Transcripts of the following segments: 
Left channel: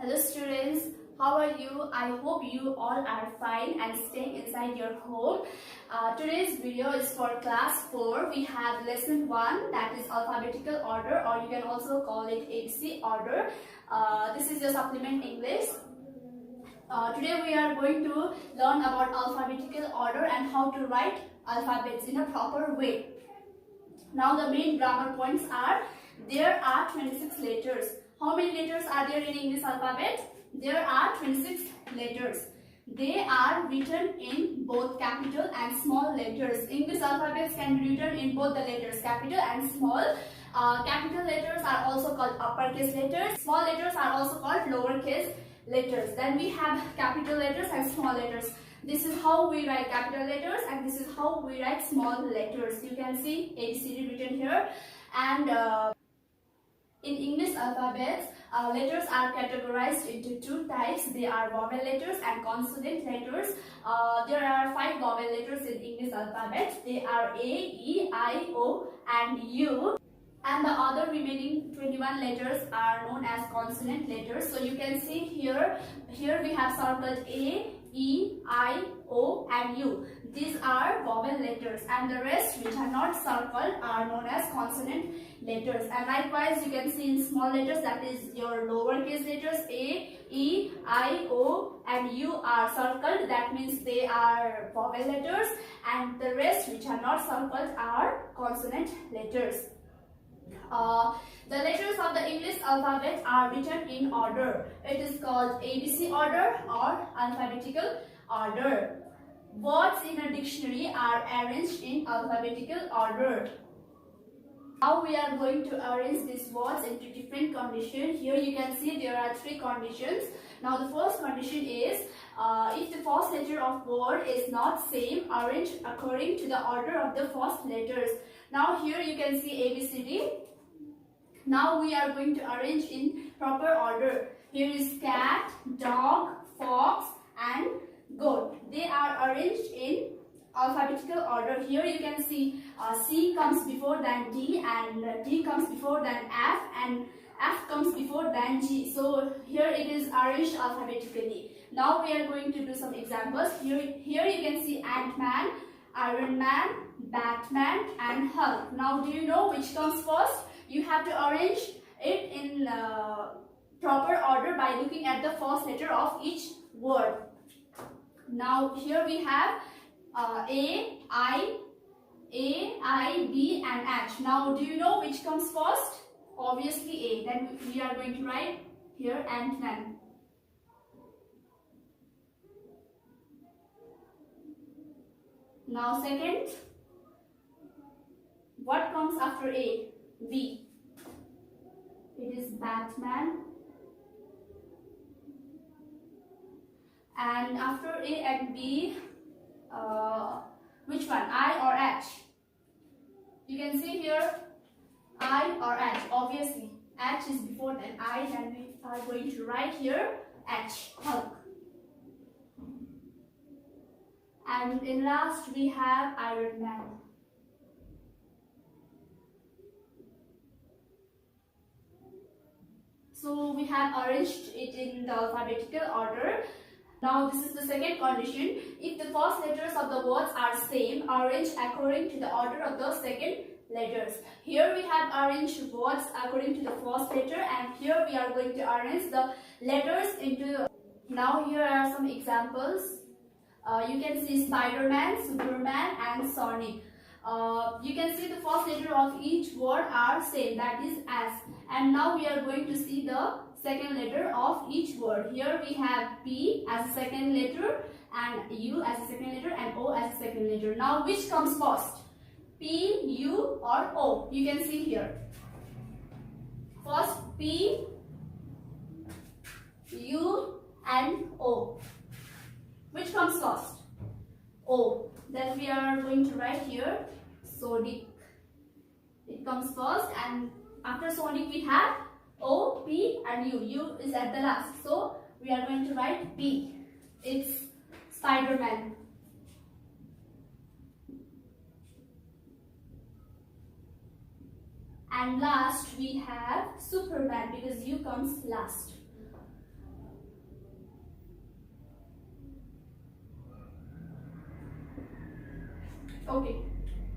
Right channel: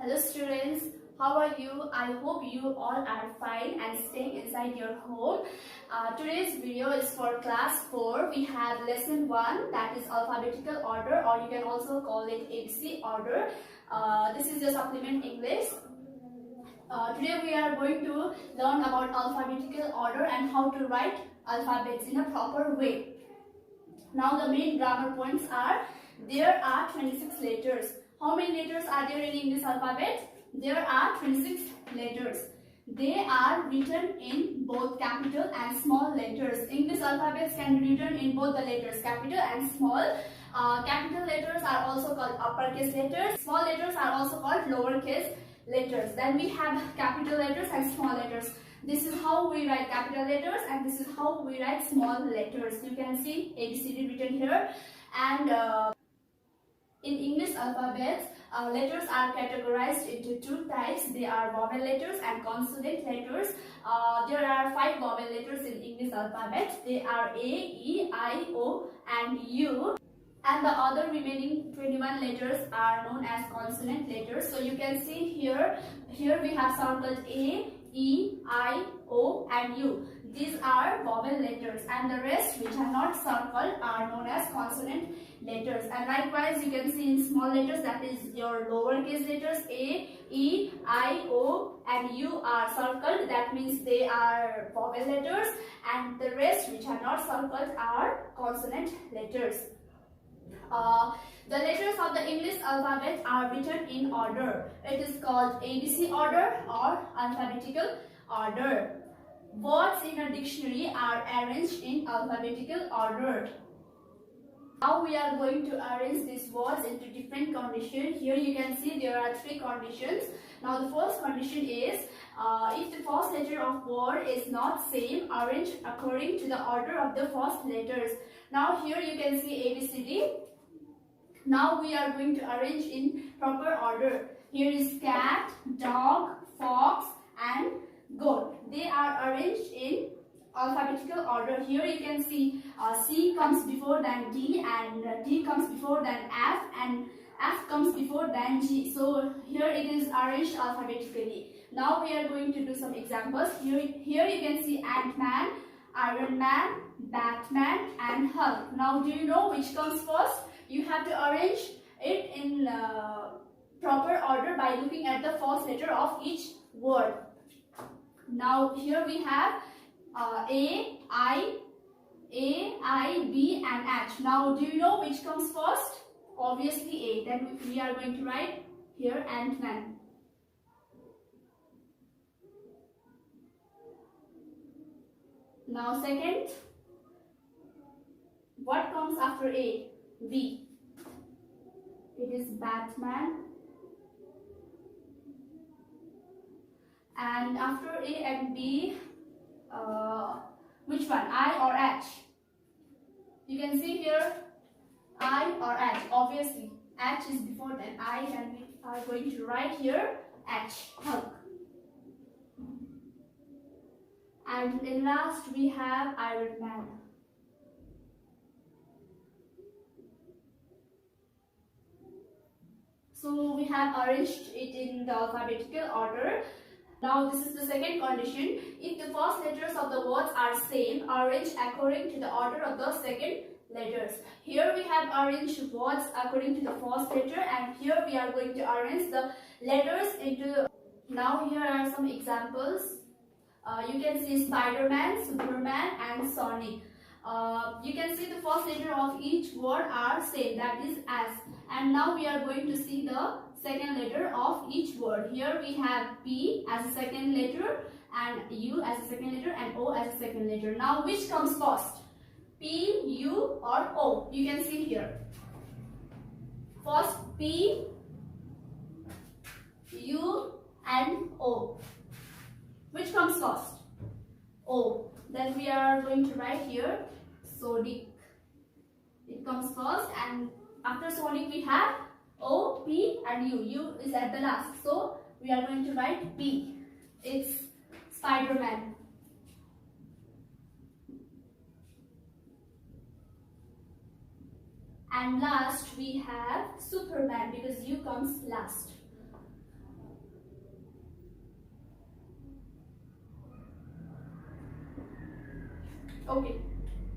Hello students, how are you? I hope you all are fine and staying inside your home. Today's video is for class 4. We have lesson 1, that is alphabetical order, or you can also call it ABC order. This is the supplement English. Today we are going to learn about alphabetical order and how to write alphabets in a proper way. Now the main grammar points are: there are 26 letters. How many letters are there in English alphabet? There are 26 letters. They are written in both capital and small letters. English alphabets can be written in both the letters, capital and small. Capital letters are also called uppercase letters. Small letters are also called lowercase letters. Then we have capital letters and small letters. This is how we write capital letters and this is how we write small letters. You can see ABCD written here. And in English alphabets, letters are categorized into two types. They are vowel letters and consonant letters. There are 5 vowel letters in English alphabet. They are A, E, I, O and U. And the other remaining 21 letters are known as consonant letters. So you can see here we have circled A, E, I, O and U. These are vowel letters and the rest which are not circled are known as consonant letters. And likewise you can see in small letters, that is your lowercase letters, A, E, I, O and U are circled. That means they are vowel letters, and the rest which are not circled are consonant letters. The letters of the English alphabet are written in order. It is called ABC order or alphabetical order. Words in a dictionary are arranged in alphabetical order. Now we are going to arrange these words into different conditions. Here you can see there are 3 conditions. Now the first condition is if the first letter of word is not same, arrange according to the order of the first letters. Now here you can see ABCD. Now we are going to arrange in proper order. Here is cat, dog, fox and goat. They are arranged in alphabetical order. Here you can see C comes before than D and D comes before than F and F comes before than G. So here it is arranged alphabetically. Now we are going to do some examples. Here you can see Ant-Man, Iron Man, Batman and Hulk. Now do you know which comes first? You have to arrange it in proper order by looking at the first letter of each word. Now here we have A, I, B and H. Now do you know which comes first? Obviously A. Then we are going to write here Ant-Man. Now second, what comes after A? B. It is Batman. And after A and B, which one? I or H? You can see here I or H. Obviously H is before than I, then we are going to write here H, Hulk. And in last we have Iron Man. So we have arranged it in the alphabetical order. Now this is the second condition. If the first letters of the words are same, arrange according to the order of the second letters. Here we have arranged words according to the first letter, and here we are going to arrange the letters into. Now here are some examples. You can see Spider-Man, Superman and Sonic. You can see the first letter of each word are same, that is S. And now we are going to see the second letter of each word. Here we have P as a second letter and U as a second letter and O as a second letter. Now which comes first? P, U or O? You can see here. First P, U and O. Which comes first? O. Then we are going to write here Sonic. It comes first, and after Sonic we have O, P and U. U is at the last. So we are going to write P. It's Spider-Man. And last we have Superman because U comes last. Okay,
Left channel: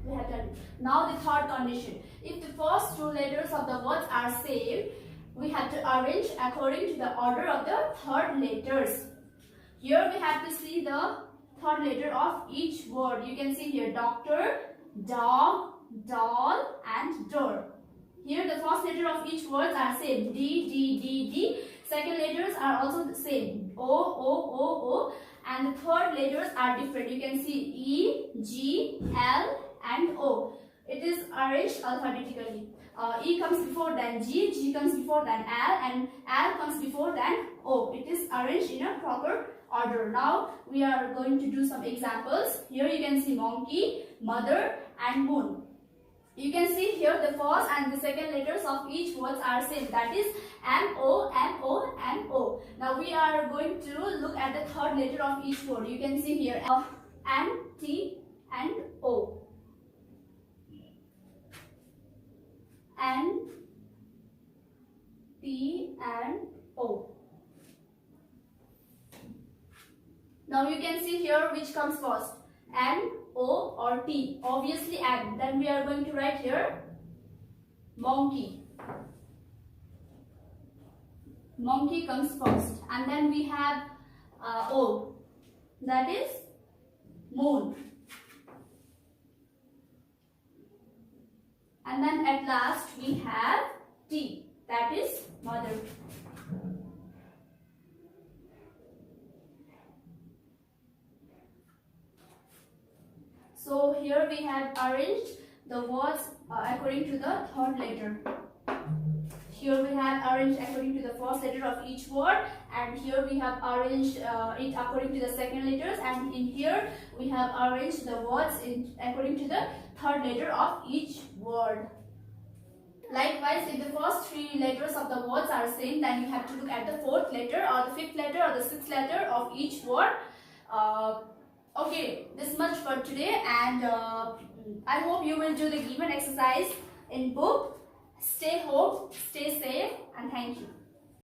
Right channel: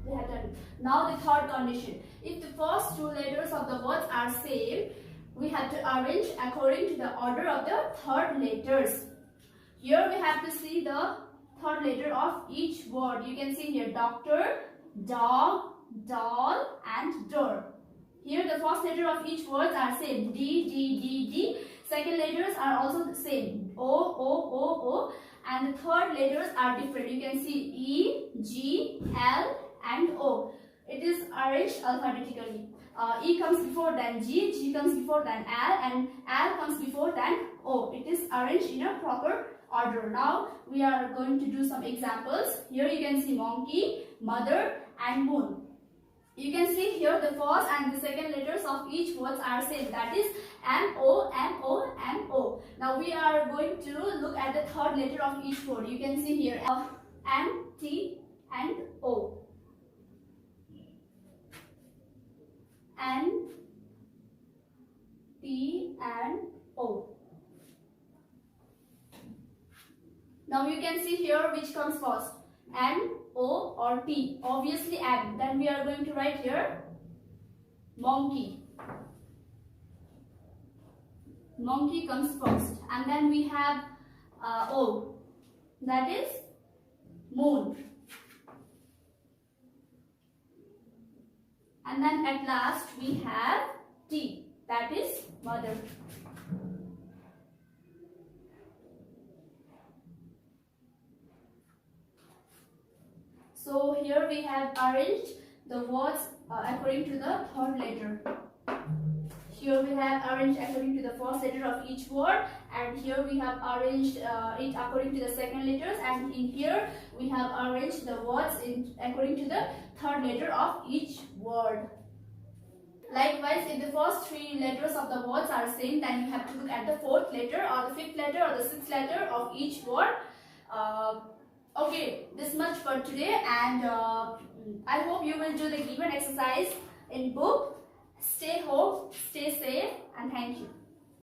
we have done. Now the third condition. If the first two letters of the words are same, we have to arrange according to the order of the third letters. Here we have to see the third letter of each word. You can see here doctor, dog, doll and door. Here the first letter of each word are same. D, D, D, D. Second letters are also the same. O, O, O, O. And the third letters are different. You can see E, G, L and O. It is arranged alphabetically. E comes before then G, G comes before then L and L comes before then O. It is arranged in a proper order. Now we are going to do some examples. Here you can see monkey, mother and moon. You can see here the first and the second letters of each words are same. That is M, O, M, O, M, O. Now we are going to look at the third letter of each word. You can see here M, T and O. N, T and O. Now you can see here which comes first, N, O or T. Obviously N. Then we are going to write here monkey. Monkey comes first. And then we have O. That is moon. And then at last we have T. That is mother. So here we have arranged the words according to the third letter. Here we have arranged according to the first letter of each word, and here we have arranged it according to the second letters, and in here we have arranged the words according to the third letter of each word. Likewise, if the first three letters of the words are same, then you have to look at the fourth letter or the fifth letter or the sixth letter of each word. Okay, this much for today, and I hope you will do the given exercise in book. Stay home, stay safe, and thank you.